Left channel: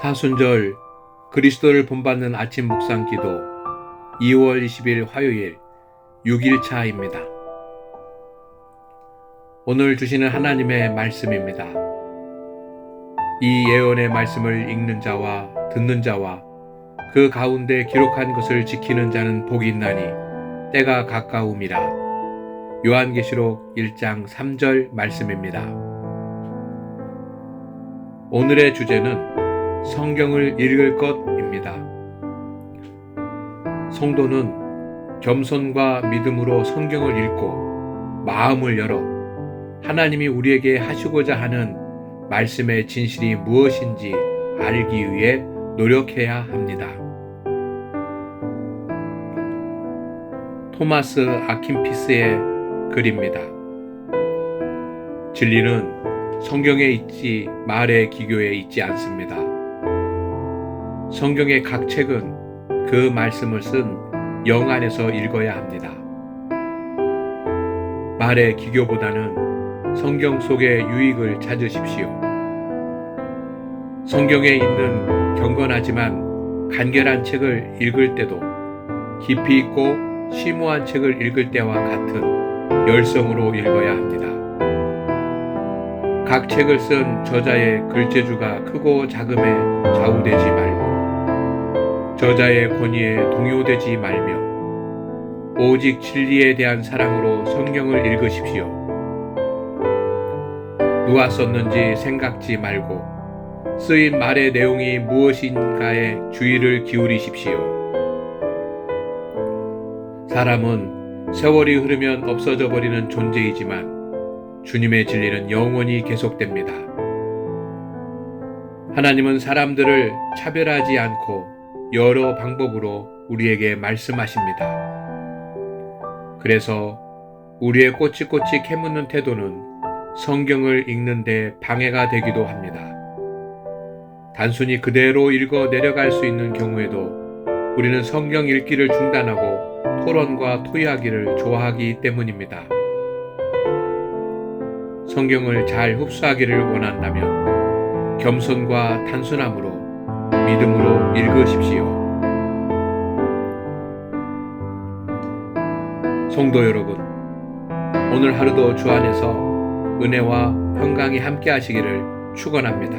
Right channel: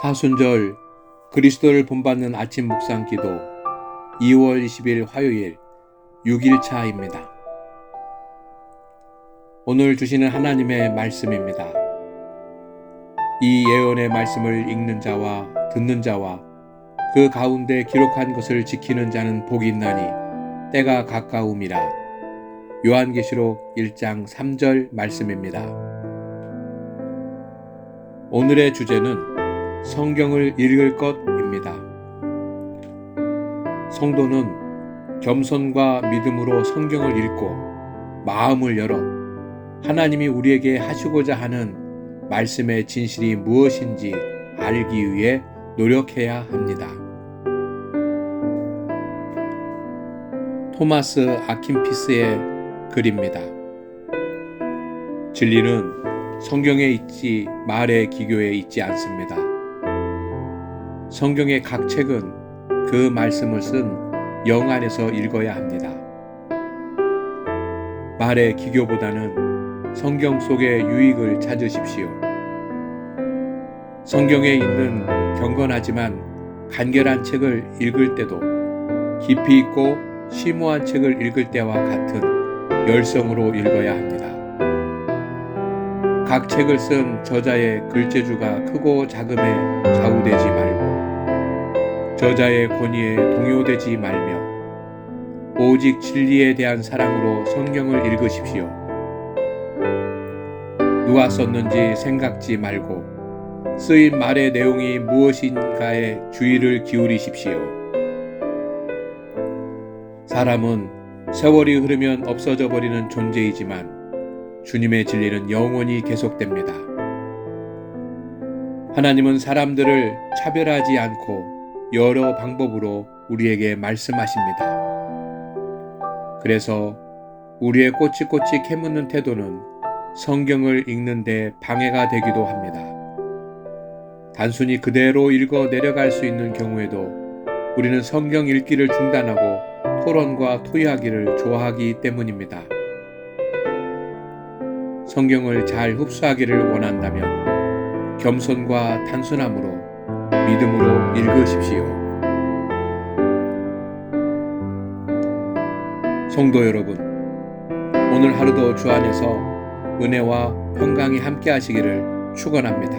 사순절 그리스도를 본받는 아침 묵상 기도 2월 20일 화요일 6일차입니다. 오늘 주시는 하나님의 말씀입니다. 이 예언의 말씀을 읽는 자와 듣는 자와 그 가운데 기록한 것을 지키는 자는 복이 있나니 때가 가까움이라. 요한계시록 1장 3절 말씀입니다. 오늘의 주제는 성경을 읽을 것입니다. 성도는 겸손과 믿음으로 성경을 읽고 마음을 열어 하나님이 우리에게 하시고자 하는 말씀의 진실이 무엇인지 알기 위해 노력해야 합니다. 토마스 아킨피스의 글입니다. 진리는 성경에 있지 말의 기교에 있지 않습니다. 성경의 각 책은 그 말씀을 쓴 영 안에서 읽어야 합니다. 말의 기교보다는 성경 속의 유익을 찾으십시오. 성경에 있는 경건하지만 간결한 책을 읽을 때도 깊이 있고 심오한 책을 읽을 때와 같은 열성으로 읽어야 합니다. 각 책을 쓴 저자의 글재주가 크고 작음에 좌우되지 말고 저자의 권위에 동요되지 말며 오직 진리에 대한 사랑으로 성경을 읽으십시오. 누가 썼는지 생각지 말고 쓰인 말의 내용이 무엇인가에 주의를 기울이십시오. 사람은 세월이 흐르면 없어져 버리는 존재이지만 주님의 진리는 영원히 계속됩니다. 하나님은 사람들을 차별하지 않고 여러 방법으로 우리에게 말씀하십니다. 그래서 우리의 꼬치꼬치 캐묻는 태도는 성경을 읽는데 방해가 되기도 합니다. 단순히 그대로 읽어 내려갈 수 있는 경우에도 우리는 성경 읽기를 중단하고 토론과 토의하기를 좋아하기 때문입니다. 성경을 잘 흡수하기를 원한다면 겸손과 단순함으로 믿음으로 읽으십시오. 성도 여러분, 오늘 하루도 주 안에서 은혜와 평강이 함께 하시기를 축원합니다.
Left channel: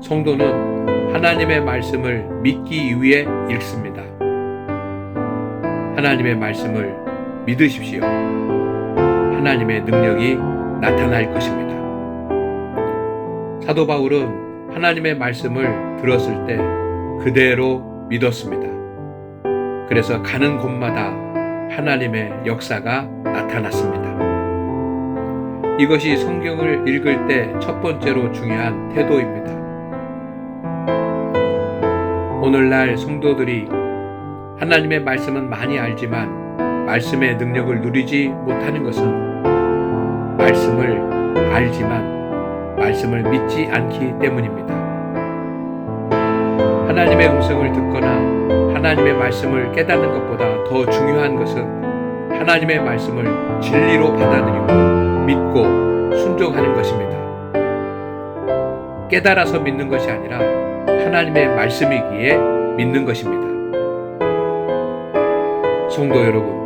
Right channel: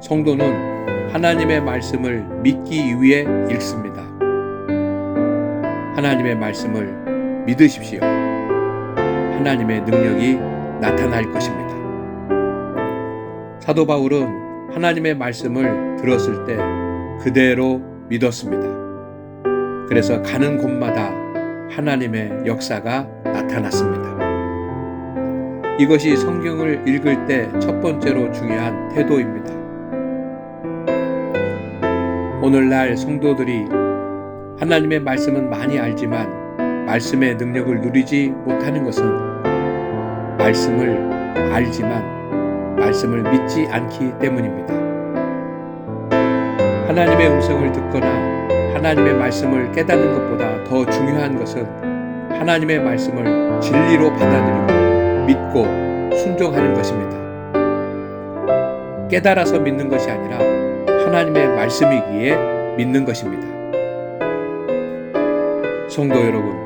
성도는 하나님의 말씀을 믿기 위해 읽습니다. 하나님의 말씀을 믿으십시오. 하나님의 능력이 나타날 것입니다. 사도 바울은 하나님의 말씀을 들었을 때 그대로 믿었습니다. 그래서 가는 곳마다 하나님의 역사가 나타났습니다. 이것이 성경을 읽을 때 첫 번째로 중요한 태도입니다. 오늘날 성도들이 하나님의 말씀은 많이 알지만 말씀의 능력을 누리지 못하는 것은 말씀을 알지만 말씀을 믿지 않기 때문입니다. 하나님의 음성을 듣거나 하나님의 말씀을 깨닫는 것보다 더 중요한 것은 하나님의 말씀을 진리로 받아들이고 믿고 순종하는 것입니다. 깨달아서 믿는 것이 아니라 하나님의 말씀이기에 믿는 것입니다. 성도 여러분,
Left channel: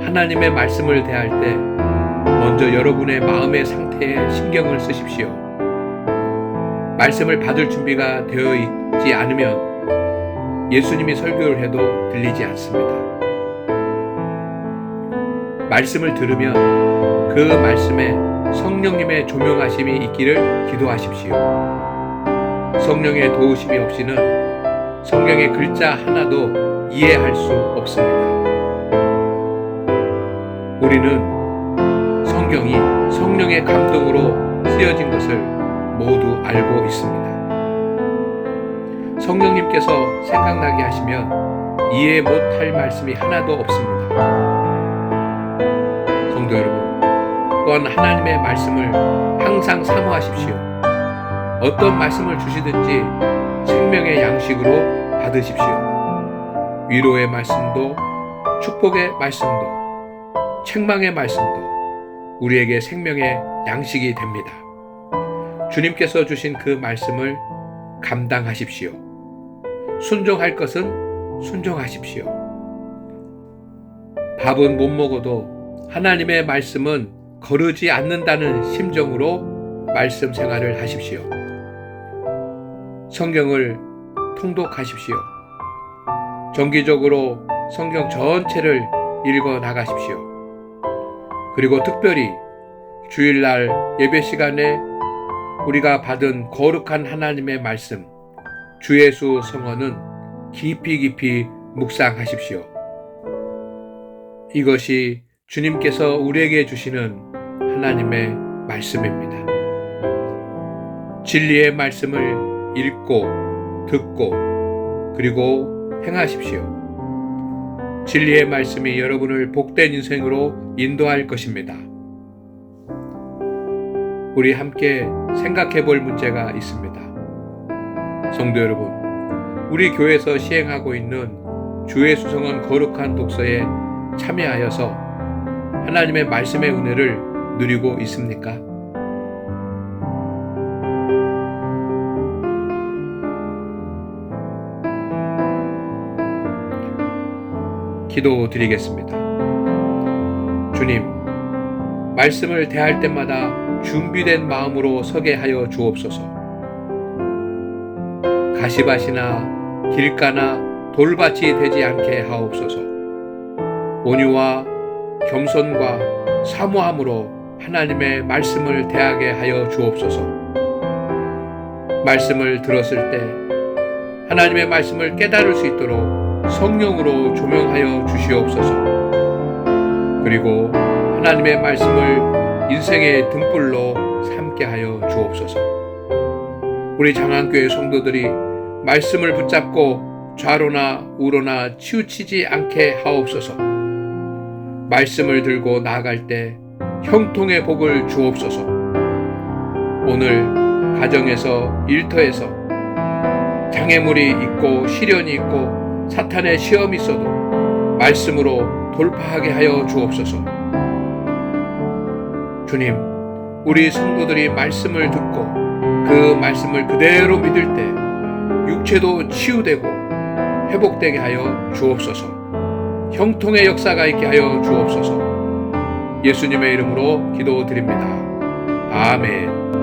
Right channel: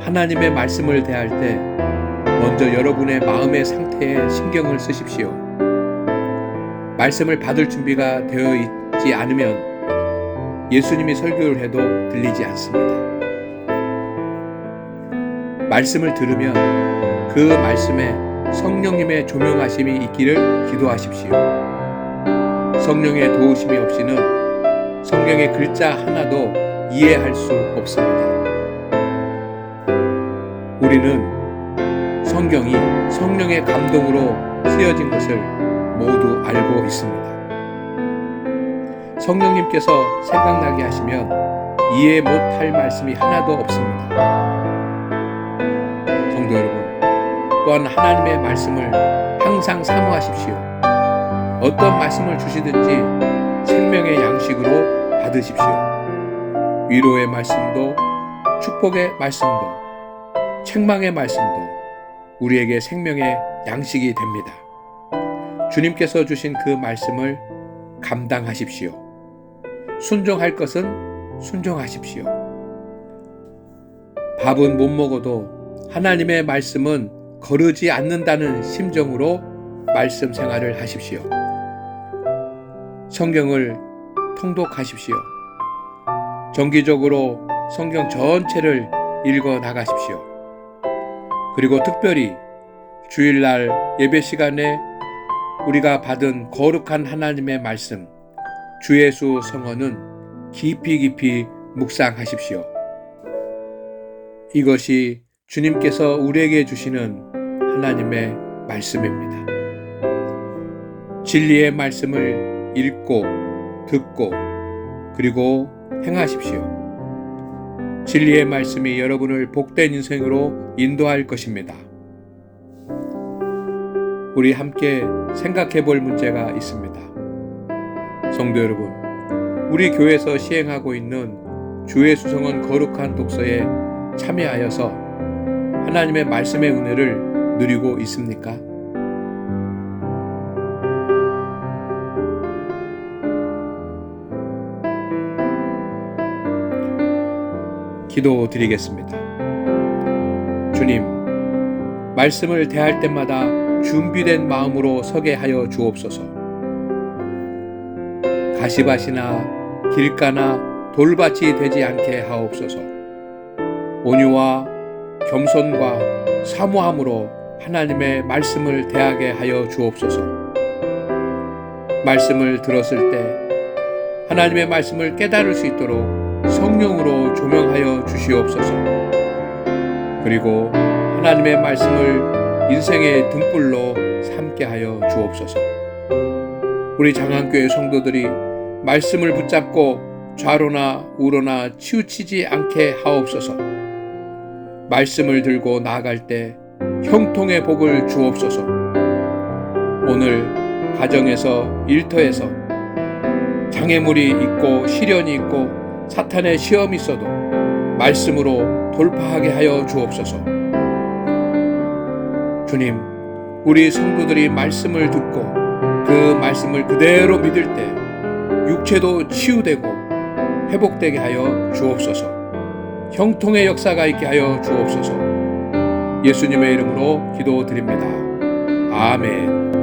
하나님의 말씀을 대할 때 먼저 여러분의 마음의 상태에 신경을 쓰십시오. 말씀을 받을 준비가 되어 있지 않으면 예수님이 설교를 해도 들리지 않습니다. 말씀을 들으면 그 말씀에 성령님의 조명하심이 있기를 기도하십시오. 성령의 도우심이 없이는 성경의 글자 하나도 이해할 수 없습니다. 우리는 성경이 성령의 감동으로 쓰여진 것을 모두 알고 있습니다. 성령님께서 생각나게 하시면 이해 못할 말씀이 하나도 없습니다. 성도 여러분, 또한 하나님의 말씀을 항상 사모하십시오. 어떤 말씀을 주시든지 생명의 양식으로 받으십시오. 위로의 말씀도 축복의 말씀도 책망의 말씀도 우리에게 생명의 양식이 됩니다. 주님께서 주신 그 말씀을 감당하십시오. 순종할 것은 순종하십시오. 밥은 못 먹어도 하나님의 말씀은 거르지 않는다는 심정으로 말씀 생활을 하십시오. 성경을 통독하십시오. 정기적으로 성경 전체를 읽어 나가십시오. 그리고 특별히 주일날 예배 시간에 우리가 받은 거룩한 하나님의 말씀, 주 예수 성언은 깊이 묵상하십시오. 이것이 주님께서 우리에게 주시는 하나님의 말씀입니다. 진리의 말씀을 읽고 듣고 그리고 행하십시오. 진리의 말씀이 여러분을 복된 인생으로 인도할 것입니다. 우리 함께 생각해 볼 문제가 있습니다. 성도 여러분, 우리 교회에서 시행하고 있는 주의 수성은 거룩한 독서에 참여하여서 하나님의 말씀의 은혜를 누리고 있습니까? 기도드리겠습니다. 주님, 말씀을 대할 때마다 준비된 마음으로 서게 하여 주옵소서. 가시밭이나 길가나 돌밭이 되지 않게 하옵소서. 온유와 겸손과 사모함으로 하나님의 말씀을 대하게 하여 주옵소서. 말씀을 들었을 때 하나님의 말씀을 깨달을 수 있도록 성령으로 조명하여 주시옵소서. 그리고 하나님의 말씀을 인생의 등불로 삼게 하여 주옵소서. 우리 장안교회 성도들이 말씀을 붙잡고 좌로나 우로나 치우치지 않게 하옵소서. 말씀을 들고 나아갈 때 형통의 복을 주옵소서. 오늘 가정에서 일터에서 장애물이 있고 시련이 있고 사탄의 시험이 있어도 말씀으로 돌파하게 하여 주옵소서. 주님, 우리 성도들이 말씀을 듣고 그 말씀을 그대로 믿을 때 육체도 치유되고 회복되게 하여 주옵소서. 형통의 역사가 있게 하여 주옵소서. 예수님의 이름으로 기도드립니다. 아멘.